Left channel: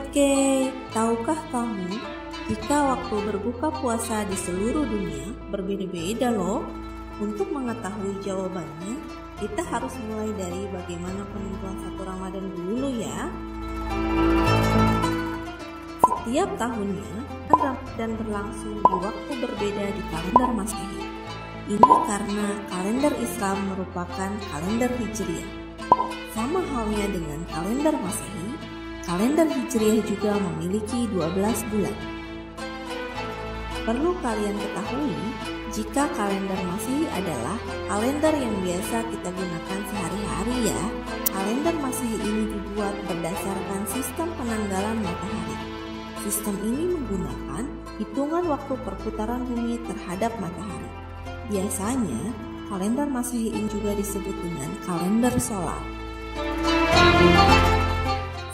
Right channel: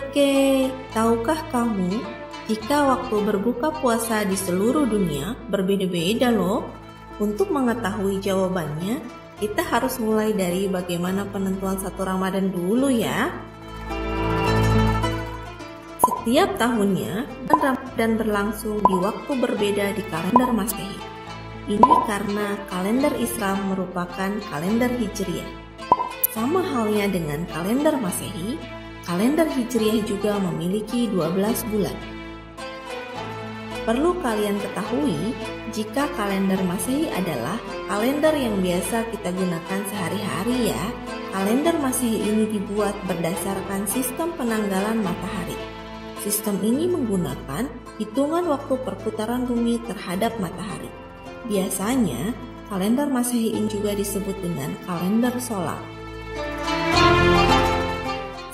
Sobat Kay, tahukah kamu jika waktu berbuka puasa di seluruh dunia berbeda-beda loh? Untuk mengetahui jawabannya, kita harus mulai dari bagaimana penentuan 1 Ramadan dulu ya. Setiap tahunnya, Ramadan berlangsung di waktu berbeda di kalender Masehi. Ini karena kalender Islam merupakan kalender Hijriah. Sama halnya dengan kalender Masehi, kalender Hijriah juga memiliki 12 bulan. Perlu kalian ketahui, jika kalender Masehi adalah kalender yang biasa kita gunakan sehari-hari ya. Kalender Masehi ini dibuat berdasarkan sistem penanggalan matahari. Sistem ini menggunakan hitungan waktu perputaran bumi terhadap matahari. Biasanya, kalender Masehi ini juga disebut dengan kalender solar.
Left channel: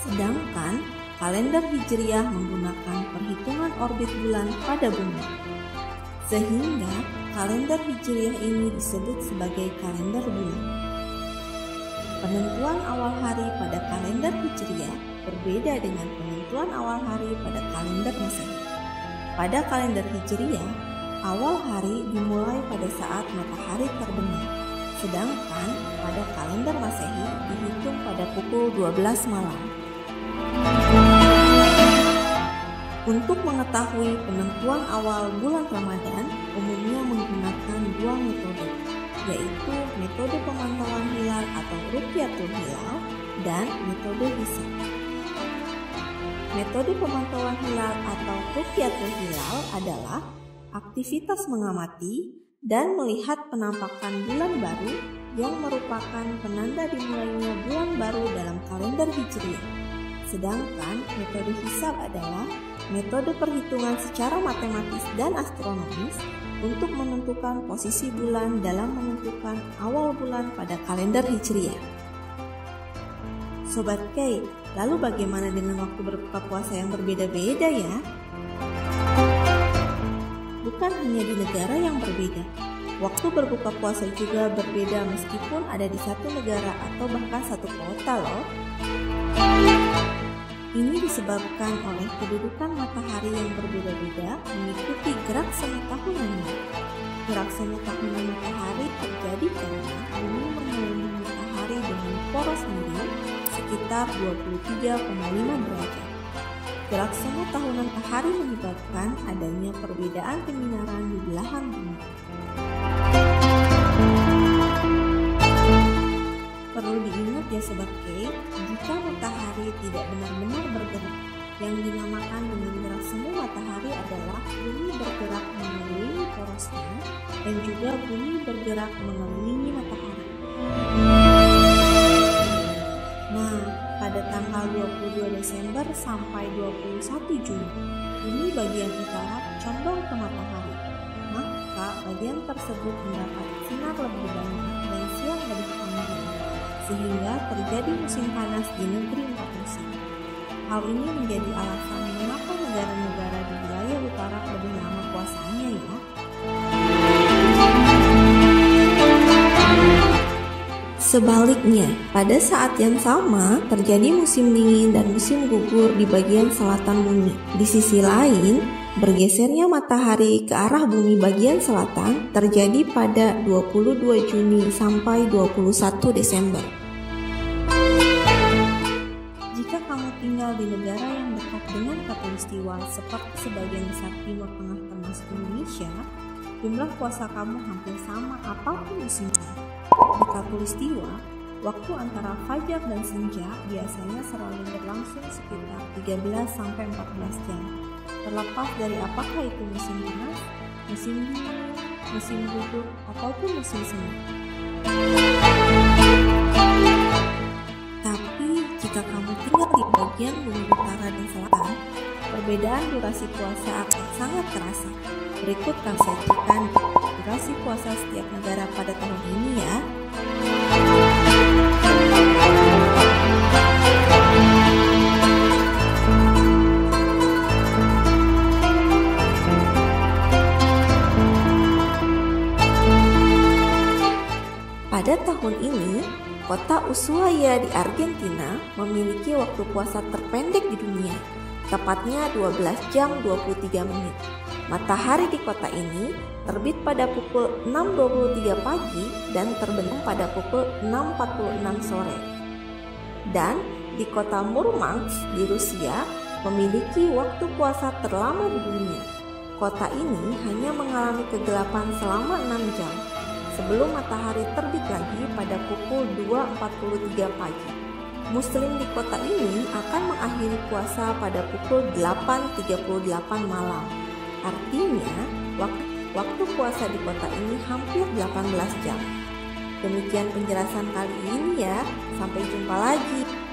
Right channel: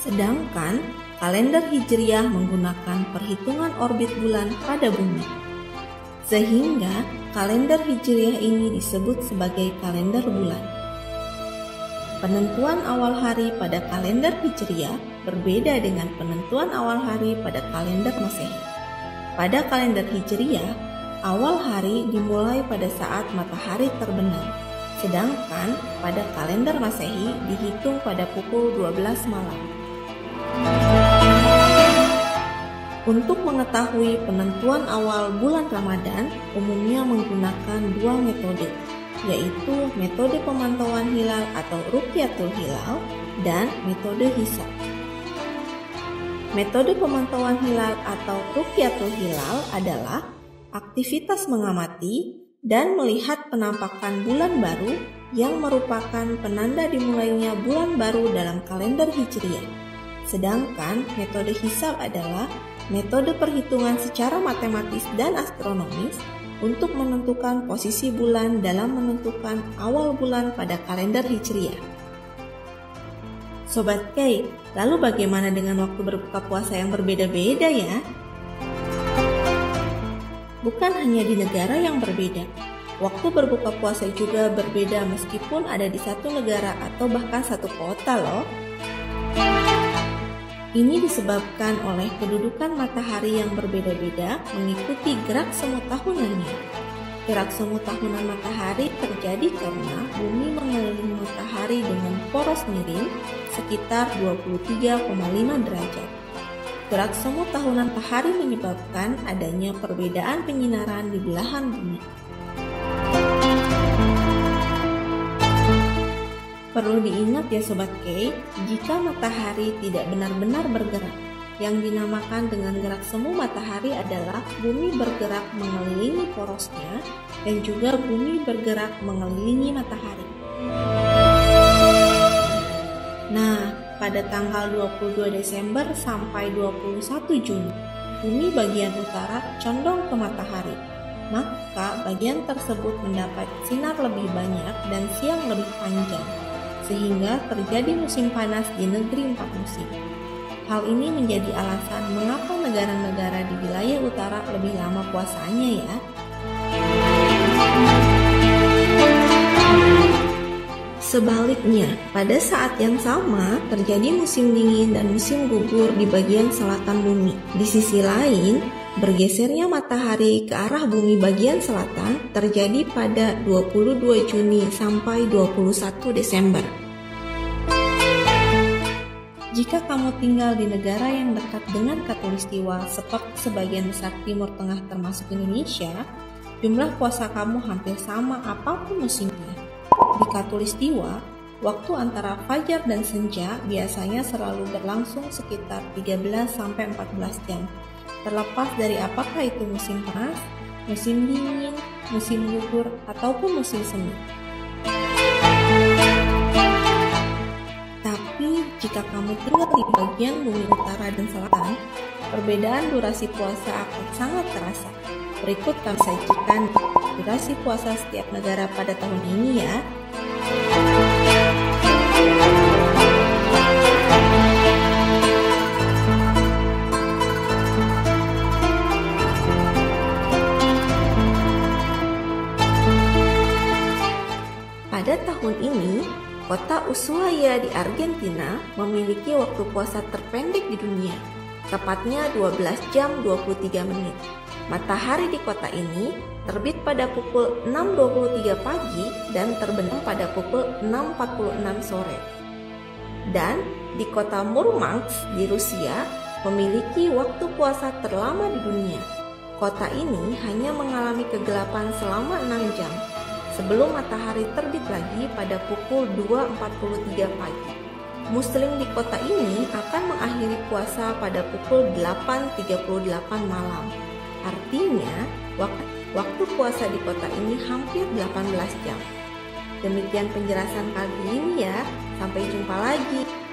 Sedangkan kalender Hijriah menggunakan perhitungan orbit bulan pada bumi. Sehingga kalender Hijriah ini disebut sebagai kalender bulan. Penentuan awal hari pada kalender Hijriah berbeda dengan penentuan awal hari pada kalender Masehi. Pada kalender Hijriah, awal hari dimulai pada saat matahari terbenam. Sedangkan pada kalender Masehi dihitung pada pukul 12 malam. Untuk mengetahui penentuan awal bulan Ramadan umumnya menggunakan 2 metode, yaitu metode pemantauan hilal atau Ru'yatul Hilal dan metode hisab. Metode pemantauan hilal atau Ru'yatul Hilal adalah aktivitas mengamati dan melihat penampakan bulan baru yang merupakan penanda dimulainya bulan baru dalam kalender Hijriah. Sedangkan metode hisab adalah metode perhitungan secara matematis dan astronomis untuk menentukan posisi bulan dalam menentukan awal bulan pada kalender Hijriah. Sobat Kay, lalu bagaimana dengan waktu berbuka puasa yang berbeda-beda ya? Bukan hanya di negara yang berbeda, waktu berbuka puasa juga berbeda meskipun ada di satu negara atau bahkan satu kota loh. Ini disebabkan oleh kedudukan matahari yang berbeda-beda mengikuti gerak semu tahunannya. Gerak semu tahunan matahari terjadi karena bumi mengelilingi matahari dengan poros miring sekitar 23,5 derajat. Gerak semu tahunan matahari menyebabkan adanya perbedaan penyinaran di belahan bumi. Perlu diingat ya Sobat Kay, jika matahari tidak benar-benar bergerak, yang dinamakan dengan gerak semu matahari adalah bumi bergerak mengelilingi porosnya dan juga bumi bergerak mengelilingi matahari. Nah, pada tanggal 22 Desember sampai 21 Juni, bumi bagian utara condong ke matahari. Maka bagian tersebut mendapat sinar lebih banyak dan siang lebih panjang, sehingga terjadi musim panas di negeri 4 musim. Hal ini menjadi alasan mengapa negara-negara di wilayah utara lebih lama puasanya ya. Sebaliknya, pada saat yang sama terjadi musim dingin dan musim gugur di bagian selatan bumi. Di sisi lain, bergesernya matahari ke arah bumi bagian selatan terjadi pada 22 Juni sampai 21 Desember. Jika kamu tinggal di negara yang dekat dengan Khatulistiwa seperti sebagian besar Timur Tengah termasuk Indonesia, jumlah puasa kamu hampir sama apapun musimnya. Di Khatulistiwa, waktu antara fajar dan senja biasanya selalu berlangsung sekitar 13-14 jam. Terlepas dari apakah itu musim panas, musim dingin, musim gugur, ataupun musim semi. Tapi jika kamu tinggal di bagian bumi utara dan selatan, perbedaan durasi puasa akan sangat terasa. Berikut kami sajikan durasi puasa setiap negara pada tahun ini ya. Pada tahun ini, Kota Ushuaia di Argentina memiliki waktu puasa terpendek di dunia, tepatnya 12 jam 23 menit. Matahari di kota ini terbit pada pukul 6.23 pagi dan terbenam pada pukul 6.46 sore. Dan di kota Murmansk di Rusia memiliki waktu puasa terlama di dunia. Kota ini hanya mengalami kegelapan selama 6 jam sebelum matahari terbit lagi pada pukul 2.43 pagi. Muslim di kota ini akan mengakhiri puasa pada pukul 8.38 malam. Artinya, waktu puasa di kota ini hampir 18 jam. Demikian penjelasan kali ini ya. Sampai jumpa lagi.